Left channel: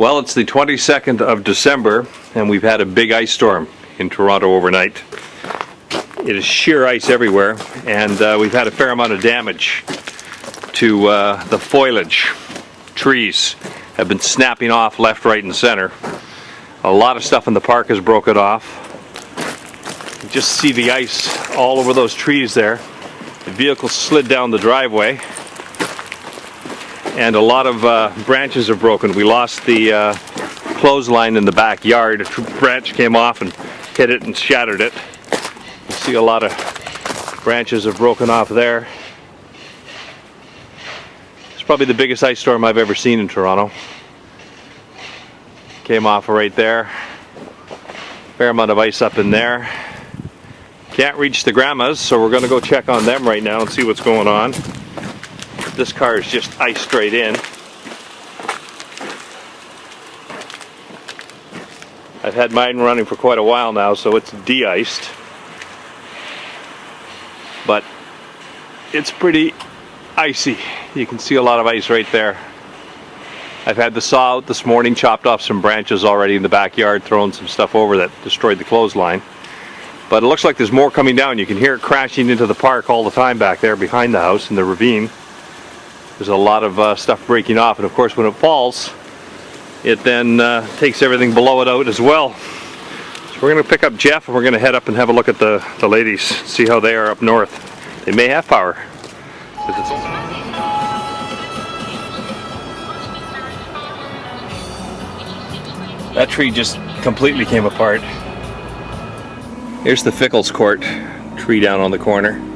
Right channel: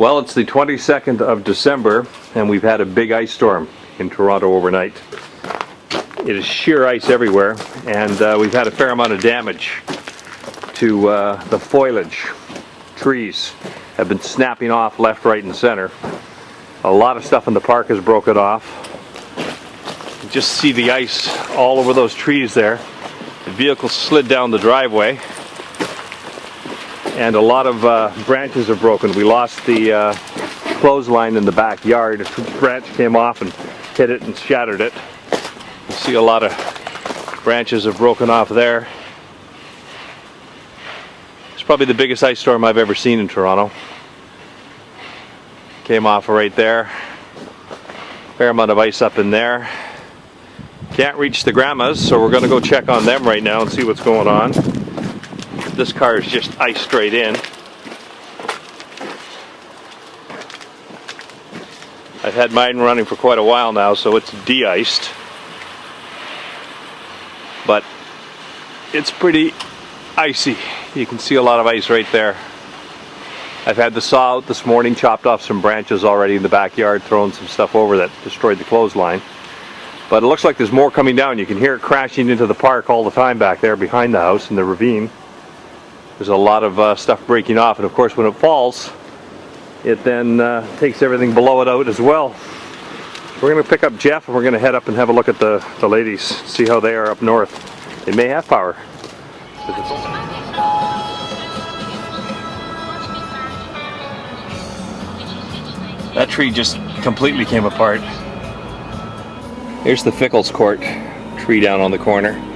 Well, it's the 22nd of December, and we've had a big ice storm in Toronto overnight. It is sheer ice everywhere, and we've had a fair amount of damage to the foliage. Trees have been snapping off left, right, and center. A lot of stuff in the park has broken off. You just see the ice all over those trees there. The vehicle slid down the driveway, and a lot of branches have broken. We lost the clothesline in the backyard. A branch came off and hit it and shattered it. You see a lot of branches have broken off there. It's probably the biggest ice storm I've ever seen in Toronto. Came off right there. Fair amount of ice up in there. Can't reach the grandmas, so we're going to go check on them right now and see what's going on. This car is just iced straight in. I've had mine running for quite a while now, so it's de-iced. But it's pretty icy. You can see a lot of ice right there. I've had the saw out this morning, chopped off some branches already in the backyard, throwing some stuff over that destroyed the clothesline. But it looks like there's more coming down. You can hear it crashing into the park all the time back there behind the house in the ravine. There's a lot of stuff breaking off, and of course when it falls, it then takes everything below it out as well. So we're going to pick up Jeff, and we're going to head up and have a look at the ladies, see how they are up north. They may have power. That tree just completely came apart. Here's the Fickles Court tree down on the corner.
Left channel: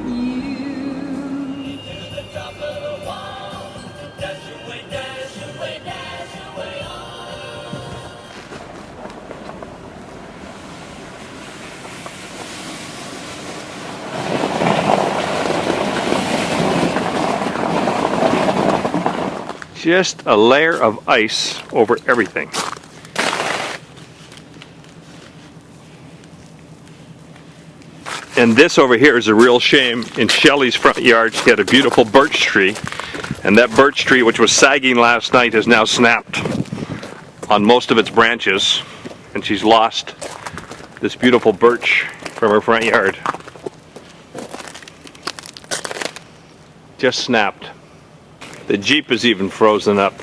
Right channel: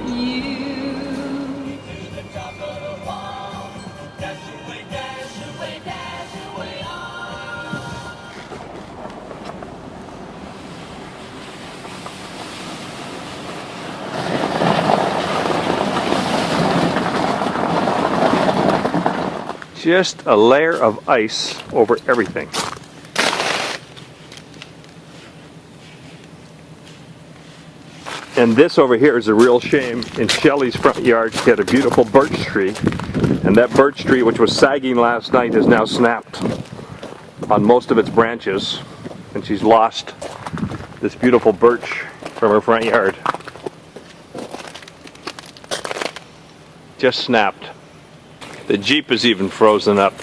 Just a layer of ice over everything. And this over here is a real shame. In Shelley's front yard, she had a beautiful birch tree, and that birch tree, which was sagging last night, has now snapped on most of its branches, and she's lost this beautiful birch from her front yard. Just snapped. The Jeep is even frozen up.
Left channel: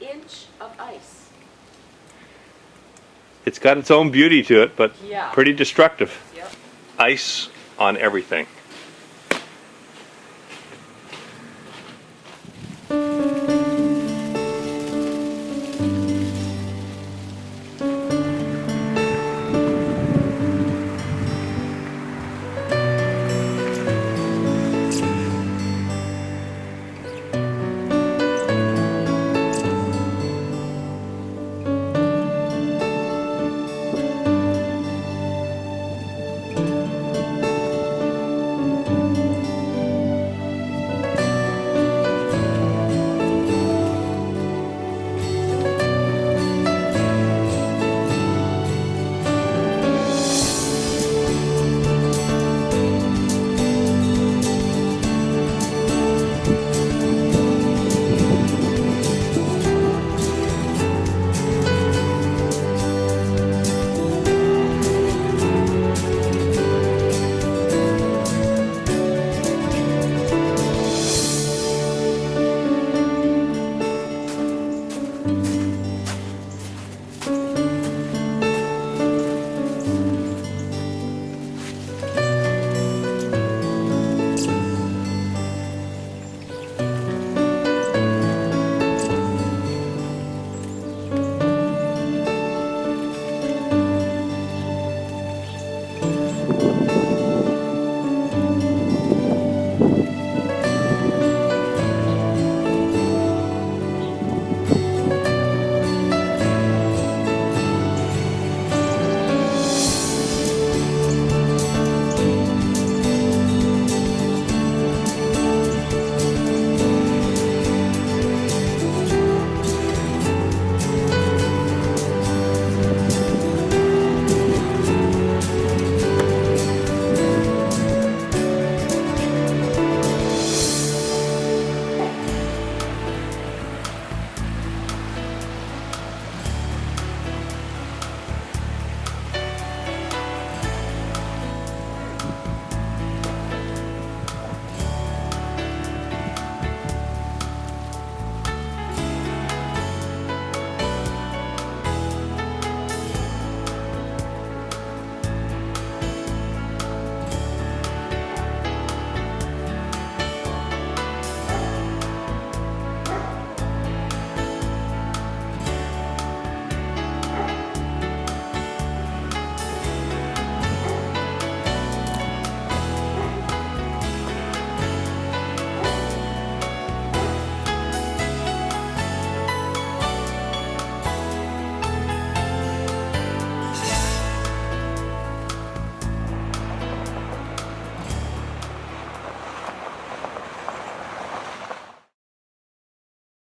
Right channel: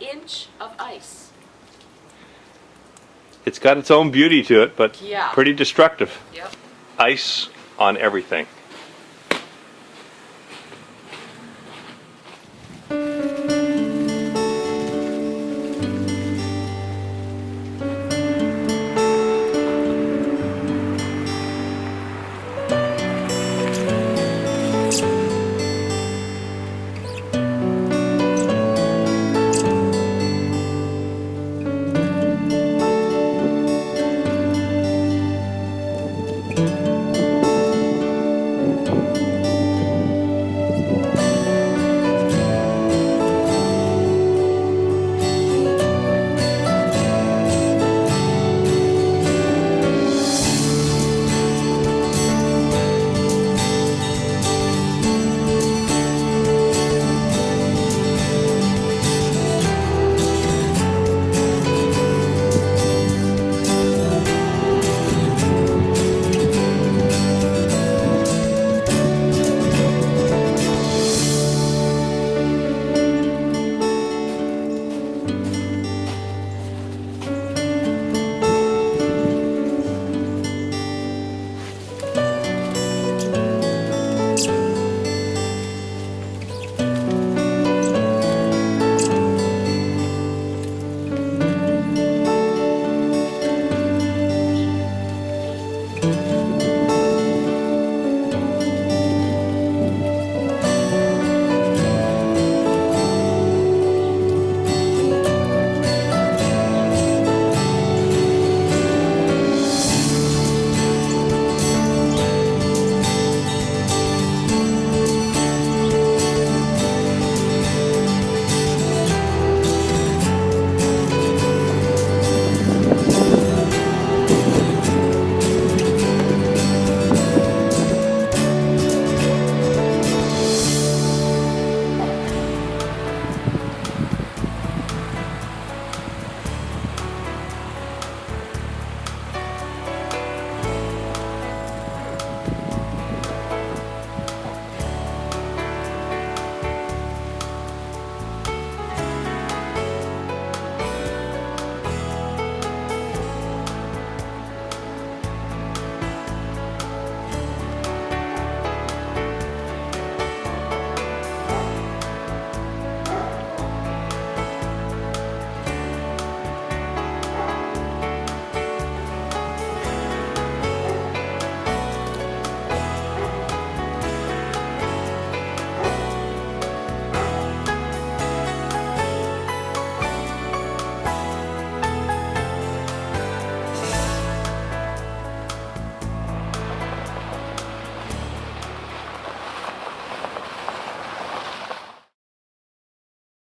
Inch of ice. It's got its own beauty to it, but yeah, pretty destructive. Yep. Ice on everything.